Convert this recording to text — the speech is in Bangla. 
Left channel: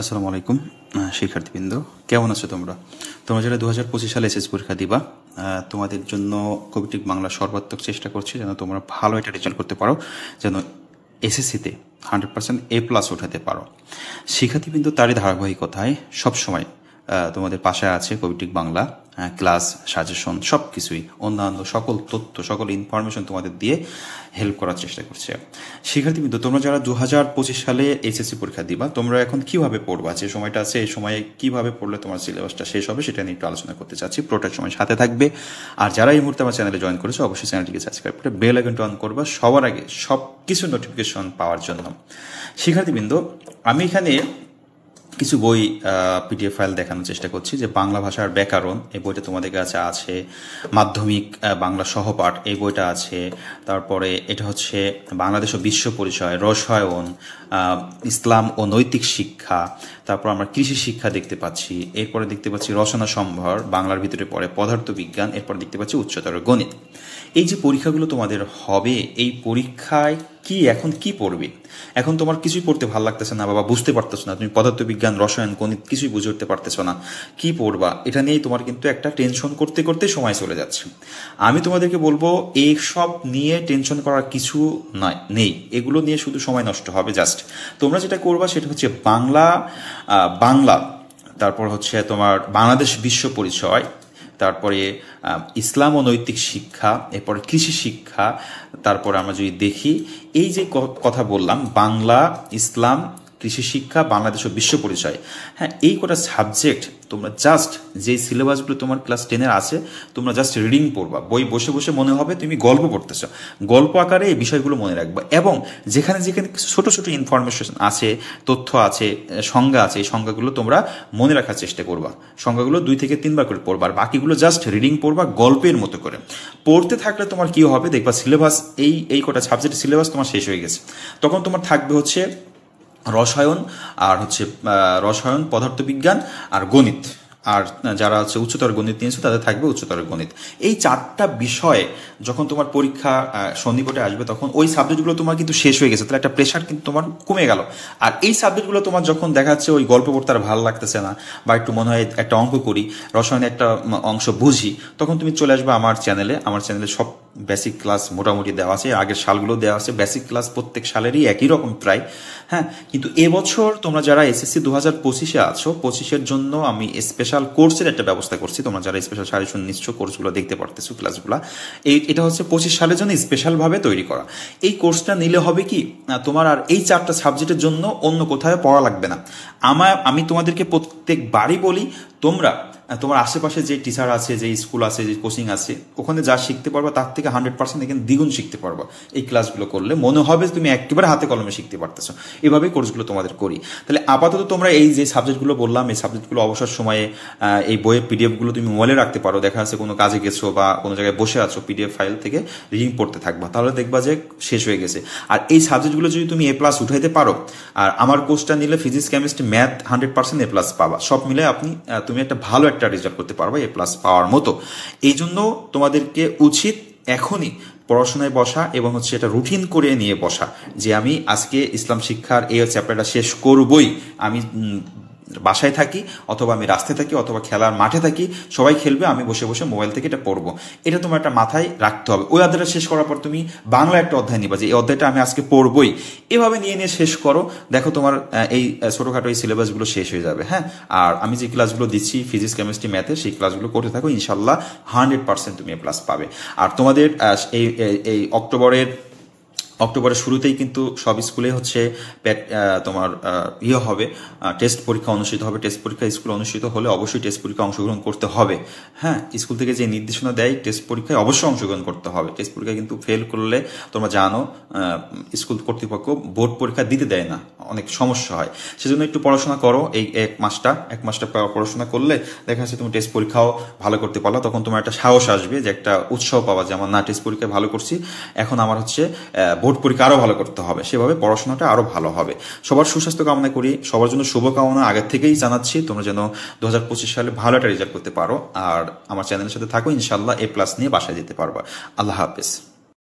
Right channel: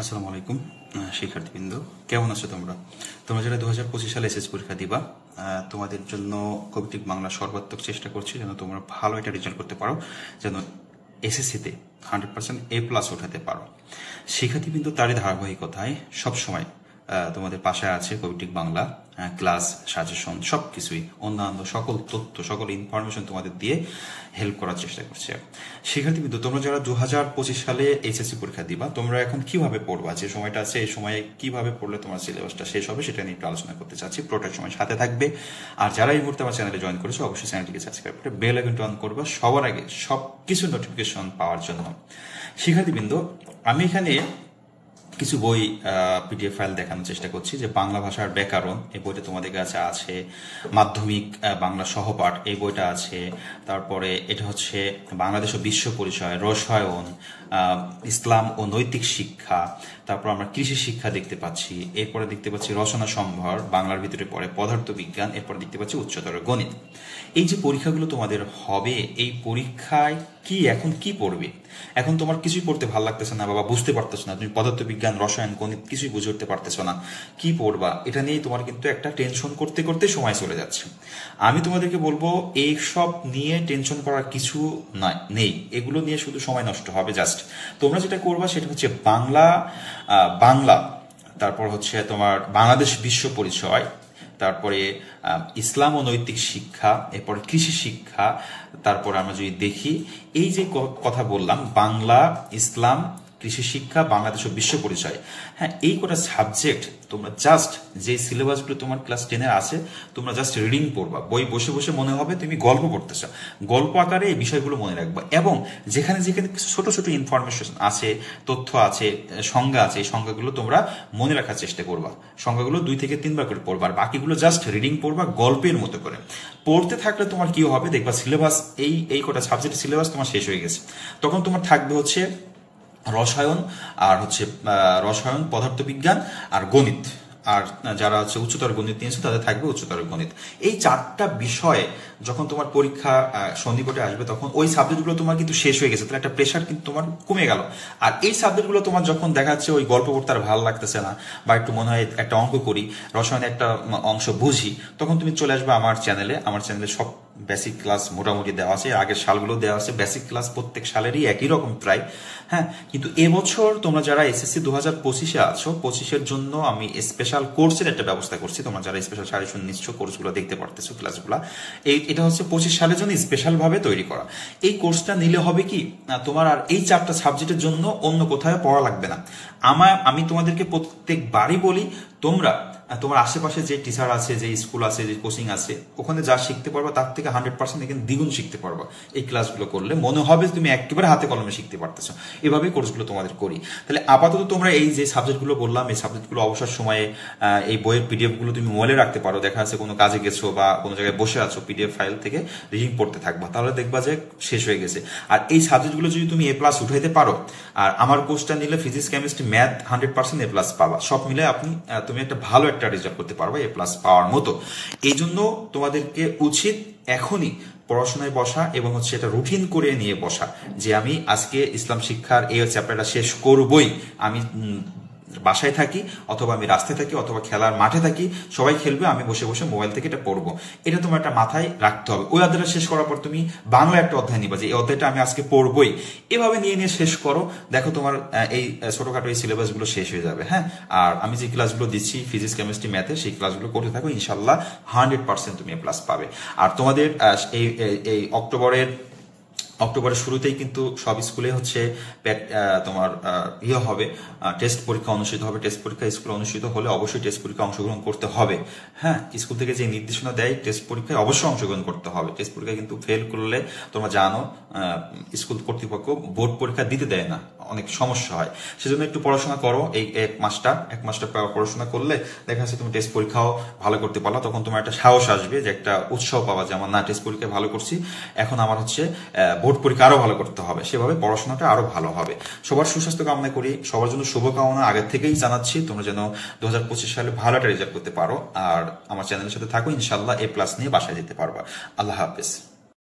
আসসালামু আলাইকুম শিক্ষার্থীবৃন্দ, কেমন আছো তোমরা? তোমরা যারা 2025 সালে এসএসসি পরীক্ষা দিবা, তোমাদের জন্য কবিটিক বাংলা সর্বাত্মক চেষ্টা করছি যেন তোমরা ভালো একটা রেজাল্ট করতে পারো, যেন এসএসসিতে 100% A+ উঠাতে পারো। শিক্ষার্থীবৃন্দ, তারই ধারাবাহিকতায় সবসময় তোমাদের পাশে আছে কবিটিক বাংলা, ক্লাস, সাজেশন, সব কিছুই, অন্যান্য সকল তথ্য, সকল ইনফরমেশন তোমাদের দিয়ে হেল্প করার চেষ্টা করছে। শিক্ষার্থীবৃন্দ, তোমরা যারা 2025 সালে এইচএসসি পরীক্ষা দিবা, তোমরা এখন কিভাবে পড়বা, যে সময়টা আছে এই সময়ে কিভাবে পড়লে তোমার সিলেবাসটা শেষ হবে সেটা নিয়ে একটু আলোচনা করতে চাচ্ছি। পুরোটার সময় সাথে থাকবে। আর যারা এই মুহূর্তে আমার চ্যানেলে জয়েন করেছো, অবশ্যই চ্যানেলটিকে সাবস্ক্রাইব করে বেল আইকনটা অন করবা সবার আগে সব কিছু নোটিফিকেশন পাওয়ার জন্য। শিক্ষার্থীবৃন্দ, আমি এখানে কিছু বই পিডিএফ ফাইল দেখানোর চেষ্টা করছি। যে বাংলা ভাষার ব্যাকরণ, এই বইটা তোমাদের কাছে আছে। মাধ্যমিক বাংলা সহপাঠ, এই বইটা আছে। তারপরে এটা হচ্ছে বাংলাদেশ ও বিশ্ব পরিচয়, রসায়ন, ইসলাম ও নৈতিক শিক্ষা। তারপর আমরা কৃষি শিক্ষা দেখতে পাচ্ছি। এরপরে দেখতে পাচ্ছি রচনা সম্ভার, বাংলার ভিতরে পড়ে পদার্থ বিজ্ঞান। এরপর দেখতে পাচ্ছি উচ্চতর গণিত। এই যে পরীক্ষাগুলো তোমাদের হবে, এই পরীক্ষায় এখন কি পড়বে? এখন তোমার কিছুই পড়তে ভালো লাগতেছে না বাবা, বুঝতে পারতেছো না, তুমি পদার্থ বিজ্ঞান, রসায়ন, গণিত কিছুই বুঝে উঠতে পারতেছো না, কি পড়বা? এটা নিয়েই তোমার কিন্তু একটা টেনশন করতে করতে সময় চলে যাচ্ছে। আমি তোমাদেরকে বলবো, এই সব নিয়ে টেনশন করার কিছু নেই। এগুলো নিয়ে শুধু সময় নষ্ট হবে। জাস্ট তোমরা যেটা করবা সেটা হচ্ছে বাংলা, তারপর হচ্ছে তোমার বাংলাদেশ বিশ্ব পরিচয়, তারপরে ইসলাম ও নৈতিক শিক্ষা, এরপরে কৃষি শিক্ষা। তারপরে আমরা যদি দেখি, এই যে কথা বললাম, বাংলা, ইসলাম, কৃষি শিক্ষা, বাংলাদেশ ও বিশ্ব পরিচয়, হ্যাঁ, এই কটা সাবজেক্ট তোমরা জাস্ট, যে সিলেবাসগুলো তোমার ক্লাস 10-এর আছে, তোমরা জাস্ট রিডিং পড়বা। বই বসে বসে মনে হবে তুমি গল্প পড়তেছ, গল্প আকারে এই বিষয়গুলো মনে রাখবা। এবং যেখানে যেখানে ছোট ছোট ইনফরমেশন আছে, তথ্য আছে, সংজ্ঞা আছে, এই সংজ্ঞাগুলো তোমরা মনে রাখার চেষ্টা করবা। সংজ্ঞাগুলো 2 থেকে 3 বার করে পড়বা। আর বাকিগুলো জাস্ট রিডিং পড়বা গল্পের মতো করে। পড়তে থাকলে তোমার কি হবে দেখবা, সিলেবাস, এই কটা সাবজেক্টের সিলেবাস তোমার শেষ হয়ে গেছে। তখন তোমার থাকবে হচ্ছে রসায়ন, আর হচ্ছে রসায়ন, পদার্থবিজ্ঞান আর গণিত। আর যারা হচ্ছে উচ্চতর গণিত নিয়েছে তাদের থাকবে উচ্চতর গণিত। এই 4টা বিষয়ে যখন তোমার পরীক্ষা সন্নিকটে আসবে, তখন ওই সাবজেক্টগুলো তোমার কিন্তু শেষ হয়ে গেছে, তাহলে একটা প্রেশার কিন্তু তোমার কমে গেল। আর এই সাবজেক্টগুলো তোমার যখন দেখা যাচ্ছে ওই গল্প পড়তে আর ভালো লাগতেছে না, বা একটু মনে হয় একটা অঙ্ক করি, রসায়নে একটা অংশ বুঝি, তখন তুমি চলে আসবে আমার চ্যানেলে। আমার চ্যানেলে সব বেসিক ক্লাস মোটামুটি দেওয়া আছে, আগের সালগুলো দেওয়া আছে। বেসিক ক্লাস প্রত্যেক সালেরই একই রকম প্রায়, হ্যাঁ। কিন্তু এবছর তোমরা যারা এসএসসি 2025-এ আছো, 25-এর জন্য আমি স্পেশাল কোর্সের একটা ব্যবস্থা করছি। তোমরা যারা স্পেশাল সাজেশন নিচ্ছ, কোর্সগুলো দেখতে পারতেছো, ক্লাসগুলো, এটা হচ্ছে 25 সালের জন্য স্পেশাল ভাবে তৈরি করা। এই কোর্সটা নিলে হবে কি, তোমার আর এই 4টা সাবজেক্টের জন্য অন্য কোথাও পড়া লাগবে না। আমি তোমাদেরকে প্রত্যেকবারই বলি, তোমার আশেপাশে যে টিচার আছে, যে স্কুল আছে, যে কোচিং আছে, ওখানে যা শিখতে পারবা তার থেকে 100% এখানে দ্বিগুণ শিখতে পারবা। এই ক্লাসগুলো করলে মনে হবে তুমি একেবারে হাতে কলমে শিখতে পারতেছো। এভাবেই কোর্সগুলো তোমাদের করি। তাহলে আপাতত তোমরা এই যে সাবজেক্টগুলো বললাম, এই সাবজেক্টগুলো অবসর সময়ে এই বইয়ের পিডিএফগুলো তুমি মোবাইলে রাখতে পারো। দেখা যাচ্ছে কোনো কাজে গেছো বা কোনো জায়গায় বসে আছো, পিডিএফ ফাইল থেকে রিডিং পড়তে থাকবা, তাহলে দেখবা যে শেষ হয়ে গেছে। আর এই সাবজেক্টগুলো যদি তুমি A+ উঠাইতে পারো, আর আমার কোর্সটা নিলে ফিজিক্স, কেমিস্ট্রি, ম্যাথ 100% A+ পাবা। সব মিলে তুমি একটা ভালো একটা রেজাল্ট করতে পারবে A+ পাওয়ার মতো। এই জন্য তোমাদেরকে উচিত এখনই পড়াশোনায় বসা এবং হচ্ছে এটা রুটিন করে নিয়ে বসা, যে আমি আজকে ইসলাম শিক্ষার এই চ্যাপ্টারটা শেষ করবই। আমি বাসায় থাকি, অথবা আমি রাস্তায় থাকি, অথবা খেলার মাঠে থাকি, সবাই খেলবে, আমি বসে বসে মোবাইল থেকে এটা পড়বো। এটা তোমার একটা মাথায় রাখতে হবে। ওই অধ্যায়টা শেষ করার পর তুমি বাংলা একটা অধ্যায় নিবা, যে এই অধ্যায়টা আমি আজকে পড়বই। এভাবে নিয়ে নিয়ে শেষ করো, দেখো তোমার এই ছোটখাটো এই সিলেবাসগুলো শেষ হয়ে যাবে, হ্যাঁ। আর আমি যে ক্লাসগুলো দিচ্ছি ফিজিক্স, কেমিস্ট্রি, ম্যাথে, সেই ক্লাসগুলো করতে থাকো, ইনশাল্লাহ 100% তুমি A+ পাবে। আর তোমাদের এই অক্টোবরের শুরুতেই কিন্তু সব স্কুলে হচ্ছে তোমার হবে, টেস্ট পরীক্ষা অনুষ্ঠিত হবে। টেস্ট পরীক্ষা স্কুলে অনুষ্ঠিত হলে অবশ্যই টেস্ট পরীক্ষা অংশগ্রহণ করতে হবে, হ্যাঁ। স্কুল থেকে যে নির্দেশনা দেয়, টেস্ট পরীক্ষায় অবশ্যই অংশগ্রহণ করতে হবে। টেস্ট পরীক্ষা কিন্তু ফেল করলে তোমরা জানো, স্কুল কর্তৃপক্ষ বোর্ড পরীক্ষা দিতে দেয় না, অনেক সমস্যা হয়। সেজন্য একটু পড়াশোনা করো। এই এক মাসটা পড়াশোনা করলে দেখা যাচ্ছে তুমি টেস্ট পরীক্ষাও ভালো করতে পারলো। তখন তোমার একটা সাহস আসবে, যে একটা উৎসাহ পাওয়া, যে আমার না টেস্ট পরীক্ষায় ভালো করছি, এখন আমার হচ্ছে বোর্ড পরীক্ষা আরো ভালো করতে হবে। সেভাবে পড়াশোনাটা আরো ভালো হবে। সবার সুস্বাস্থ্য কামনা করি, সবার জন্য শুভকামনা আগের থেকেই জানাচ্ছি। তোমরা যেন 2025 সালে ভালো একটা রেজাল্ট করতে পারো। আর আমার চ্যানেলের সাথে থাকো, ইনশাল্লাহ A+ নিয়ে বাসায় যেতে পারবা। আল্লাহ হাফেজ।